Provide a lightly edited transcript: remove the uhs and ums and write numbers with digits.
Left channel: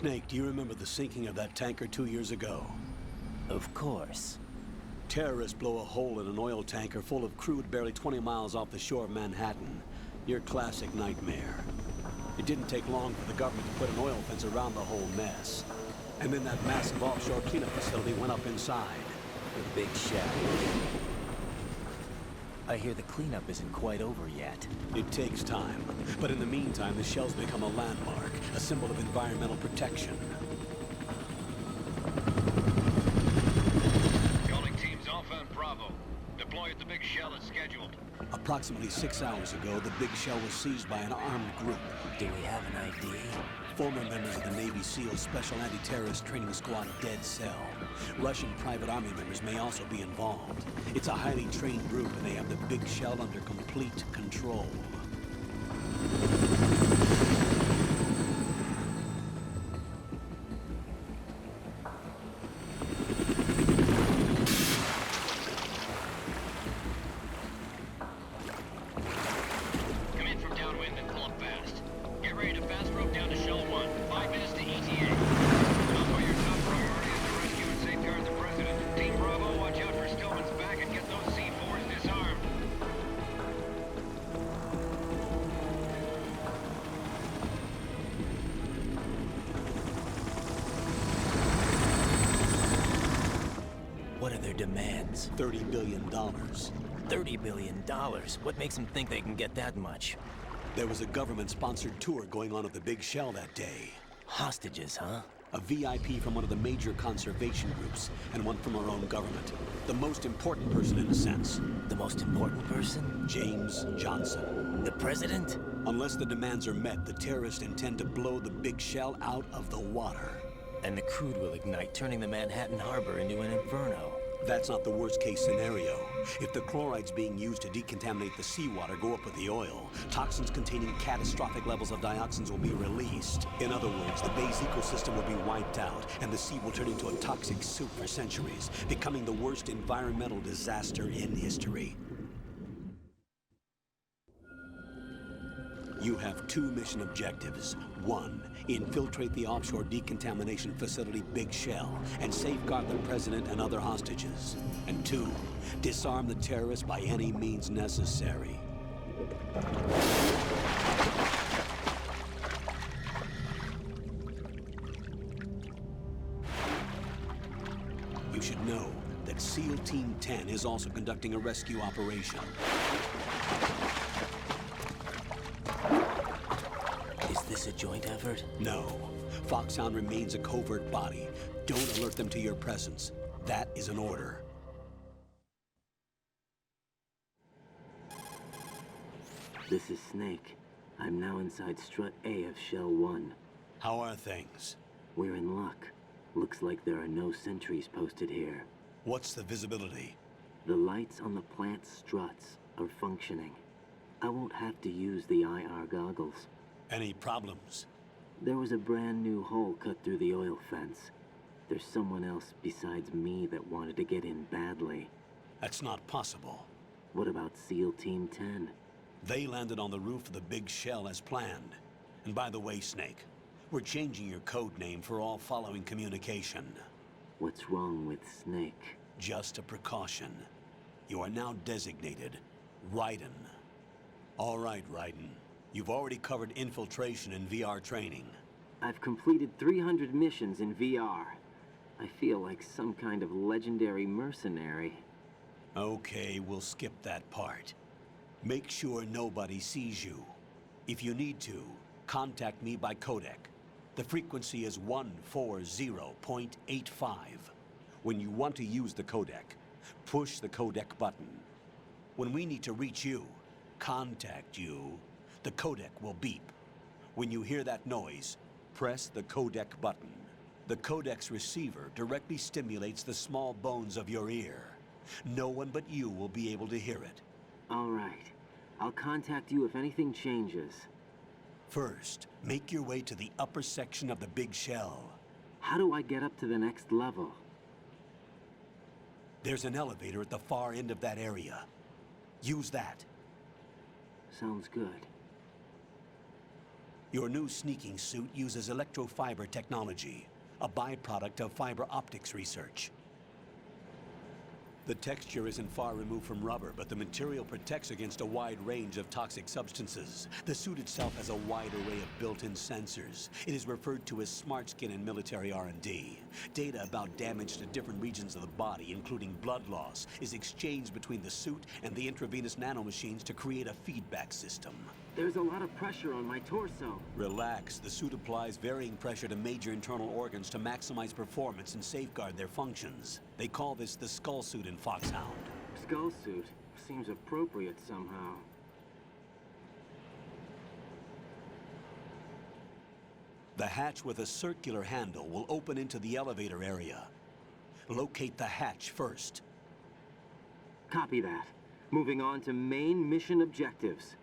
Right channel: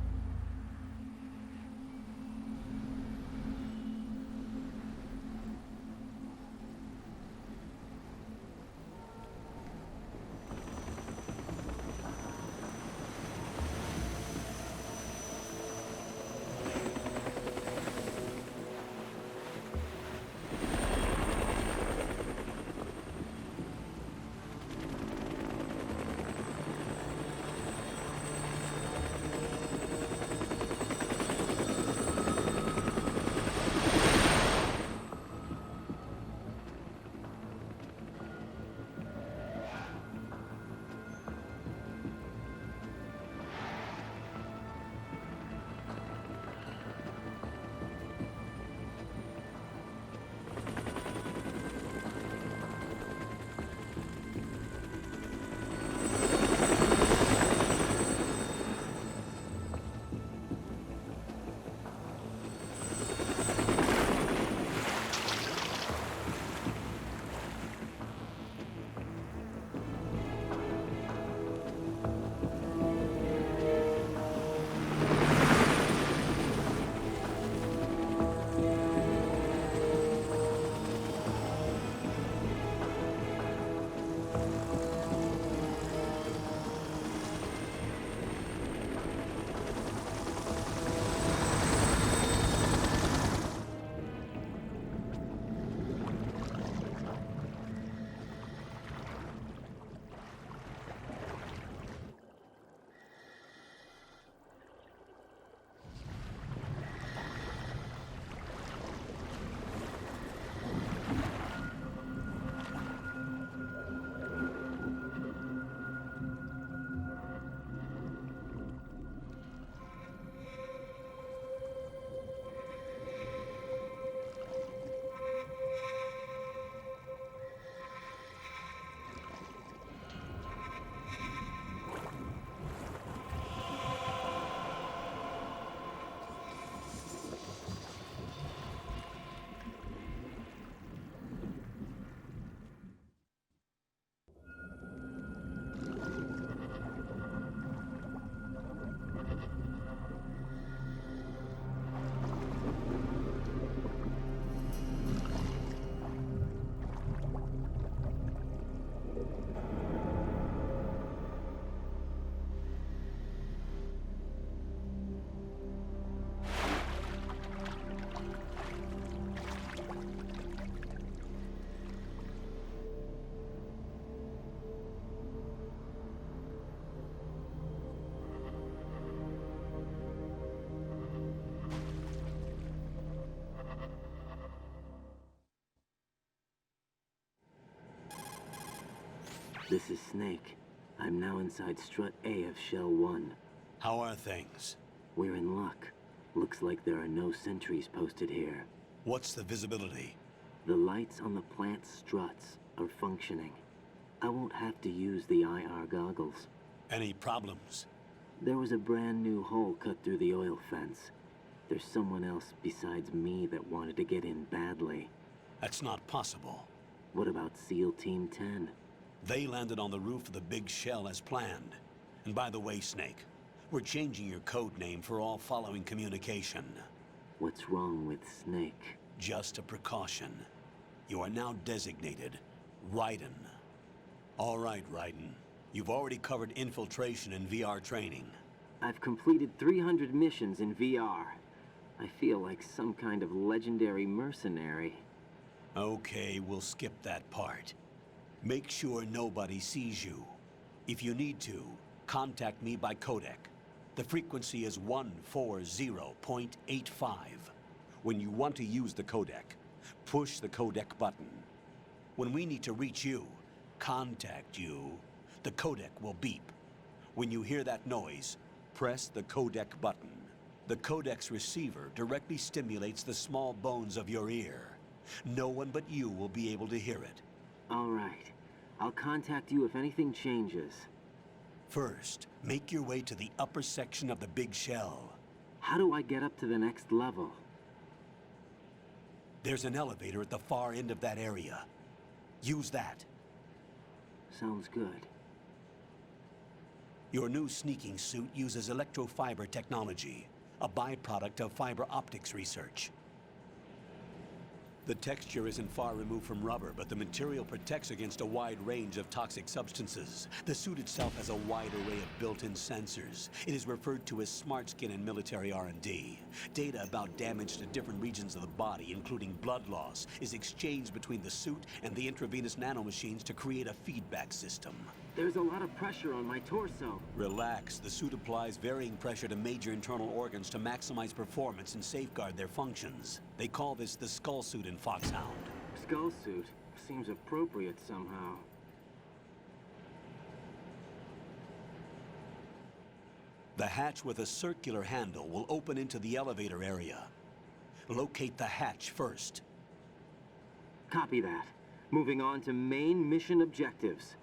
Snake, do you remember the sinking of that tanker 2 years ago? Of course. Terrorists blow a hole in an oil tanker full of crude barely 20 miles off the shore of Manhattan. Your classic nightmare. It didn't take long for the government to put an oil fence around the whole mess. And then that massive offshore cleanup facility went up inside. The big shell. I hear the cleanup isn't quite over yet. It takes time. But in the meantime, the shell's become a landmark, a symbol of environmental protection. Teams Alpha and Bravo. Deploy at the big shell as scheduled. Approximately 6 hours ago, the big shell was seized by an armed group. Do we have an ID? Former members of the Navy SEAL Special Anti-Terrorist Training Squad Dead Cell. Russian private army members may also be involved. It's a highly trained group, and they have the big shell under complete control. Demands. $30 billion. $30 billion? What makes them think they can get that much? There was a government-sponsored tour going on at the big shell that day. Hostages, huh? A VIP from one of the major conservation groups, and one from our own government. The most important person in a sense. The most important person? James Johnson. The president? Unless the demands are met, the terrorists intend to blow the big shell out of the water. And the crude will ignite, turning the Manhattan Harbor into an inferno. That's not the worst-case scenario. If the chlorides being used to decontaminate the seawater go up with the oil, toxins containing catastrophic levels of dioxins will be released. In other words, the bay's ecosystem will be wiped out, and the sea will turn into a toxic soup for centuries, becoming the worst environmental disaster in history. You have two mission objectives. One, infiltrate the offshore decontamination facility Big Shell and safeguard the president and other hostages. And two, disarm the terrorists by any means necessary. You should know that SEAL Team 10 is also conducting a rescue operation. Is this a joint effort? No. Foxhound remains a covert body. Don't alert them to your presence. That is an order. This is Snake. I'm now inside Strut A of Shell 1. How are things? We're in luck. Looks like there are no sentries posted here. What's the visibility? The lights on the plant struts are functioning. I won't have to use the IR goggles. Any problems? There was a brand new hole cut through the oil fence. There's someone else besides me that wanted to get in badly. That's not possible. What about SEAL Team 10? They landed on the roof of the Big Shell as planned. And by the way, Snake, we're changing your code name for all following communication. What's wrong with Snake? Just a precaution. You are now designated Raiden. All right, Raiden. You've already covered infiltration and VR training. I've completed 300 missions in VR. I feel like some kind of legendary mercenary. Okay, we'll skip that part. Make sure nobody sees you. If you need to, contact me by codec. The frequency is 140.85. When you want to use the codec, push the codec button. When we need to reach you, contact you, the codec will beep. When you hear that noise, press the codec button. The codec's receiver directly stimulates the small bones of your ear. No one but you will be able to hear it. All right. I'll contact you if anything changes. First, make your way to the upper section of the Big Shell. How do I get up to the next level? There's an elevator at the far end of that area. Use that. Sounds good. Your new sneaking suit uses electrofiber technology, a byproduct of fiber optics research. The texture isn't far removed from rubber, but the material protects against a wide range of toxic substances. The suit itself has a wide array of built-in sensors. It is referred to as smart skin in military R&D. Data about damage to different regions of the body, including blood loss, is exchanged between the suit and the intravenous nanomachines to create a feedback system. There's a lot of pressure on my torso. Relax. The suit applies varying pressure to major internal organs to maximize performance and safeguard their functions. They call this the skull suit in Foxhound. Skull suit seems appropriate somehow. The hatch with a circular handle will open into the elevator area. Locate the hatch first. Copy that. Moving on to main mission objectives.